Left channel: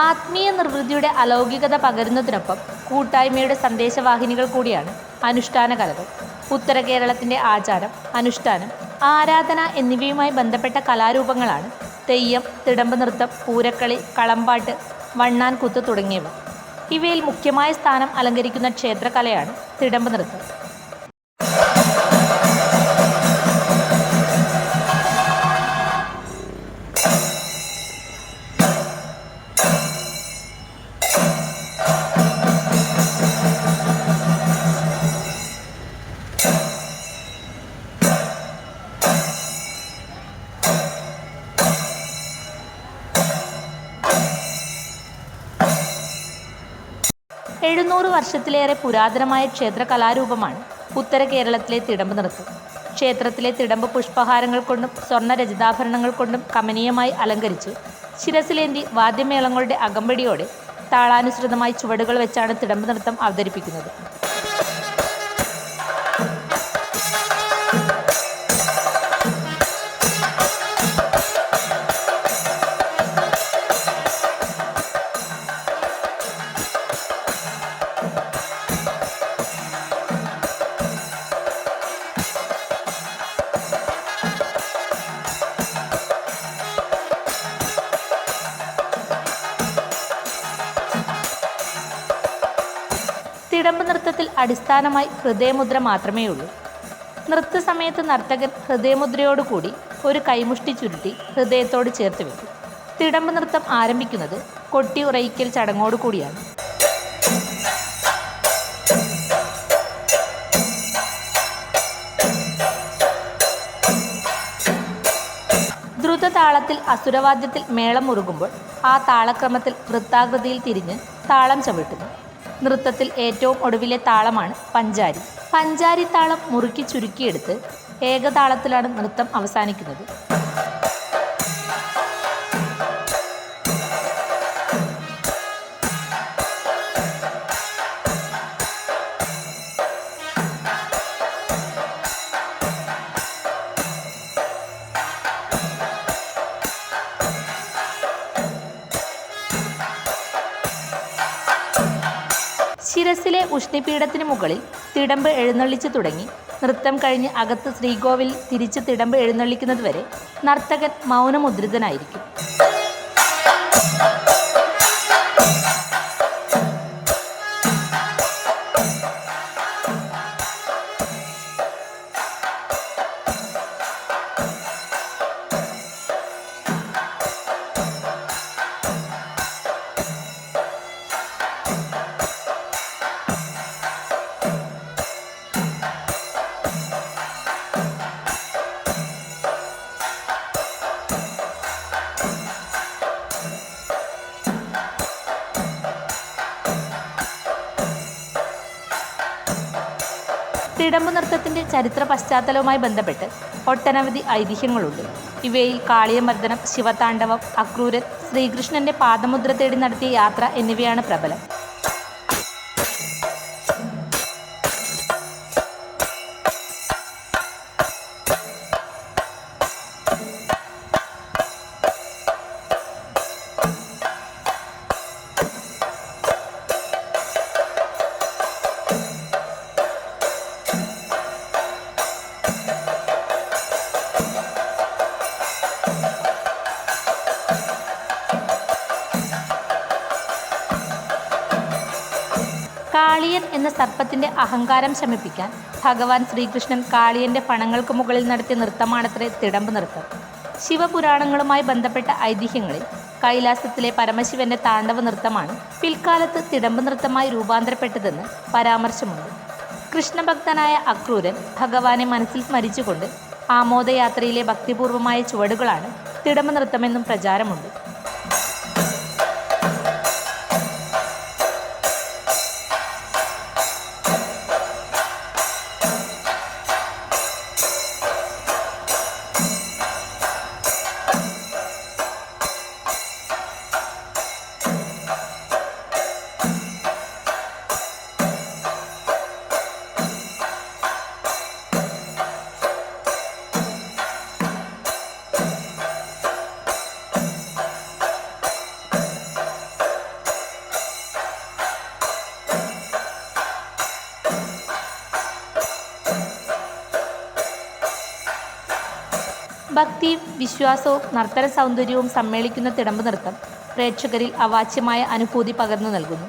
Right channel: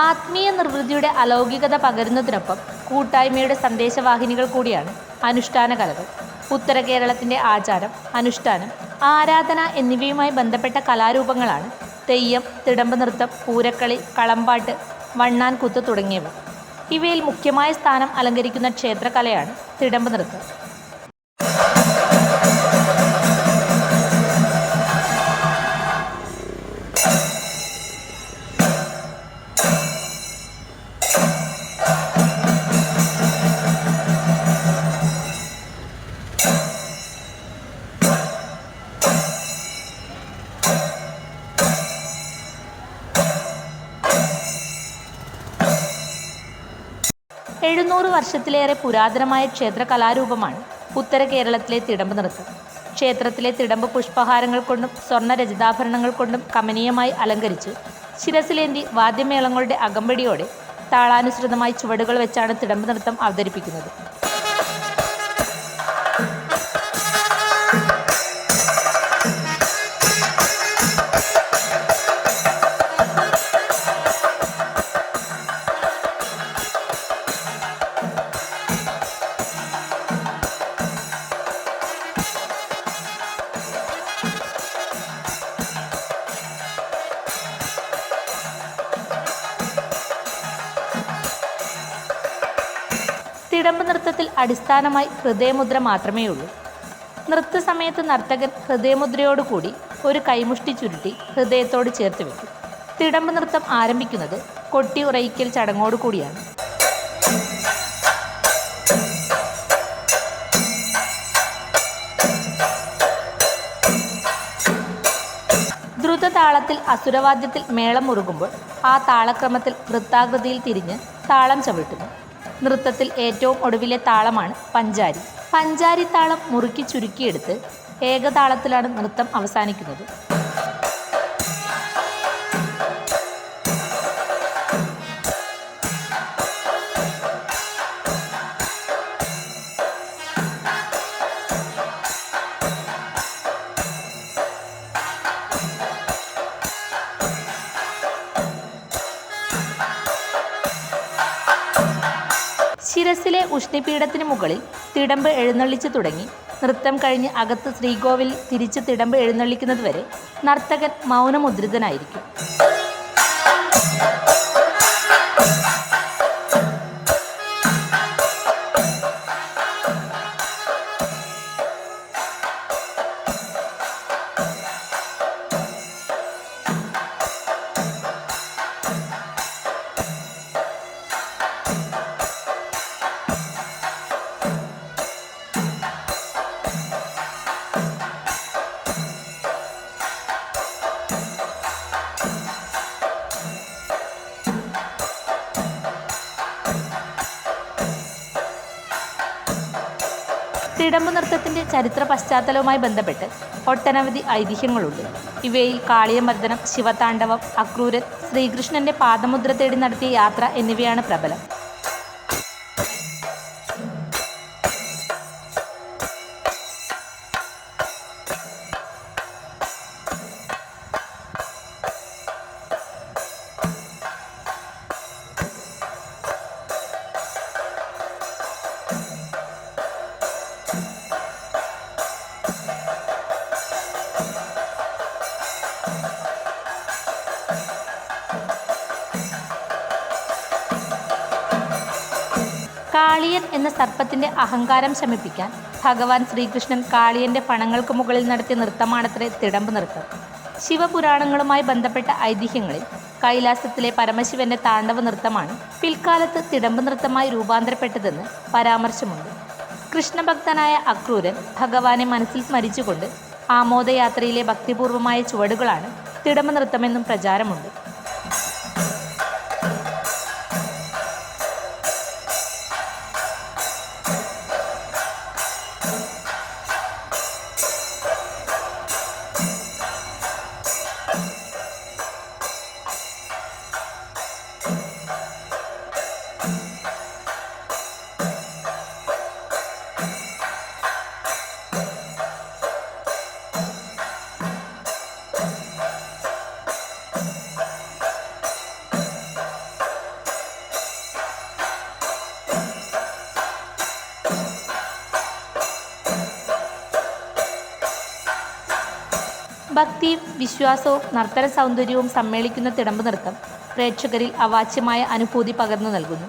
ആത്മീയ നിർവൃതിയുടെ അലൗകികത പകരുന്നതിനൊപ്പം കൂട്ടായ്മയുടെ സന്ദേശവാഹിനികൾ കൂടിയാണ് അനുഷ്ഠാന കലകൾ. ഉത്തര കേരളത്തിന്റെ ആചാരം അനുഷ്ഠാനം ആരാധന എന്നിവയുമായി ബന്ധപ്പെട്ട കലാരൂപങ്ങളാണ് തെയ്യം തിടമ്പ് നൃത്തം പൂരക്കളി കളമ്പാട്ട് വണ്ണാൻ കുത്ത് തുടങ്ങിയവ. ഇവയിൽ മുഖ്യമായ സ്ഥാനം അലങ്കരിക്കുന്ന ക്ഷേത്രകലയാണ് തിടമ്പ് നൃത്തം. എഴുന്നൂറ് വർഷത്തിലേറെ പുരാതനമായ ക്ഷേത്ര കലാരൂപമാണ് ഉത്തര കേരളത്തിലെ തിടമ്പ് നൃത്തം. ക്ഷേത്രത്തിലെ തിടമ്പ് പുഷ്പഹാരങ്ങൾ കൊണ്ടും സ്വർണ രചിതാഭരണങ്ങൾ കൊണ്ടും കമനീയമായി അലങ്കരിച്ച് ശിരസിലേന്തി വാദ്യമേളങ്ങളുടെ അകമ്പടിയോടെ താളാനുസൃതമായി ചുവടുകൾ വെച്ചാണ് തിടമ്പ് നൃത്തം അവതരിപ്പിക്കുന്നത്. തിടമ്പ് നൃത്തത്തിൽ അടിസ്ഥാനമായി ഹൃദയമുദ്ര മാത്രമേ ഉള്ളൂ നൃത്ത സമയത്ത് നർത്തകൻ ഹൃദയമുദ്രയോടുകൂടി ഒരു കൈമുഷ്ടി ചുരുട്ടി ഹൃദയത്തോട് ചേർത്ത് വെക്കും. തിടമ്പ് നൃത്തം ആരംഭിക്കുന്നത് കൊട്ടി ഉറയിക്കൽ ചടങ്ങോടുകൂടിയാണ് ദ്രുത താളത്തിൽ അസുരവാദ്യത്തിൽ മേളം മുറുകുമ്പോൾ ആ താളക്രമത്തിൽ വൃത്താകൃതിയിൽ തിരിഞ്ഞ് താളം ചവിട്ടുന്നു. നൃത്തത്തിൽ ഏറ്റവും ഒടുവിലെ താളമാണ് പഞ്ചാരി. പഞ്ചാരി താളം മുറുക്കി ചുരുക്കിയെടുത്ത് ഏകതാളത്തിലാണ് നൃത്തം അവസാനിക്കുന്നത്. ശിരസിലെ ഉഷ്ണിപീഠത്തിന് മുകളിൽ തിടമ്പ് എഴുന്നള്ളിച്ചു തുടങ്ങി. നൃത്തം കഴിഞ്ഞ് അകത്ത് ശ്രീകോവിൽ തിരിച്ച് തിടമ്പ് എഴുന്നള്ളിക്കുന്നതുവരെ നർത്തകൻ മൗനമുദ്രിതനായിരിക്കും. തിടമ്പ് നൃത്തത്തിന്റെ ചരിത്ര പശ്ചാത്തലവുമായി ബന്ധപ്പെട്ട് ഒട്ടനവധി ഐതിഹ്യങ്ങളുണ്ട്. ഇവയിൽ കാളിയമർദ്ദനം ശിവതാണ്ഡവം അക്രൂരൻ ശ്രീകൃഷ്ണന്റെ പാദമുദ്ര തേടി നടത്തിയ യാത്ര എന്നിവയാണ് പ്രബലം. കാളിയൻ എന്ന സർപ്പത്തിന്റെ അഹങ്കാരം ശമിപ്പിക്കാൻ ഭഗവാൻ ശ്രീകൃഷ്ണൻ കാളിയന്റെ പണങ്ങൾക്ക് മുകളിൽ നടത്തിയ നൃത്തമാണത്രേ തിടമ്പ് നൃത്തം. ശിവപുരാണങ്ങളുമായി ബന്ധപ്പെട്ട ഐതിഹ്യങ്ങളിൽ കൈലാസത്തിലെ പരമശിവന്റെ താണ്ഡവ നൃത്തമാണ് പിൽക്കാലത്ത് തിടമ്പ് നൃത്തമായി രൂപാന്തരപ്പെട്ടതെന്ന് പരാമർശമുണ്ട്. കൃഷ്ണഭക്തനായ അക്രൂരൻ ഭഗവാനെ മനസ്സിൽ സ്മരിച്ചുകൊണ്ട് ആമോദയാത്രയിലെ ഭക്തിപൂർവമായ ചുവടുകളാണ് തിടമ്പ് നൃത്തമെന്നും പ്രചാരമുണ്ട്. ഭക്തിയും വിശ്വാസവും നർത്തന സൗന്ദര്യവും സമ്മേളിക്കുന്ന തിടമ്പ് നൃത്തം പ്രേക്ഷകരിൽ അവാച്യമായ അനുഭൂതി പകർന്നു നൽകുന്നു.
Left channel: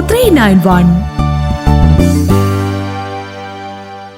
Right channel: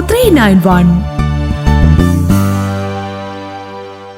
three nine one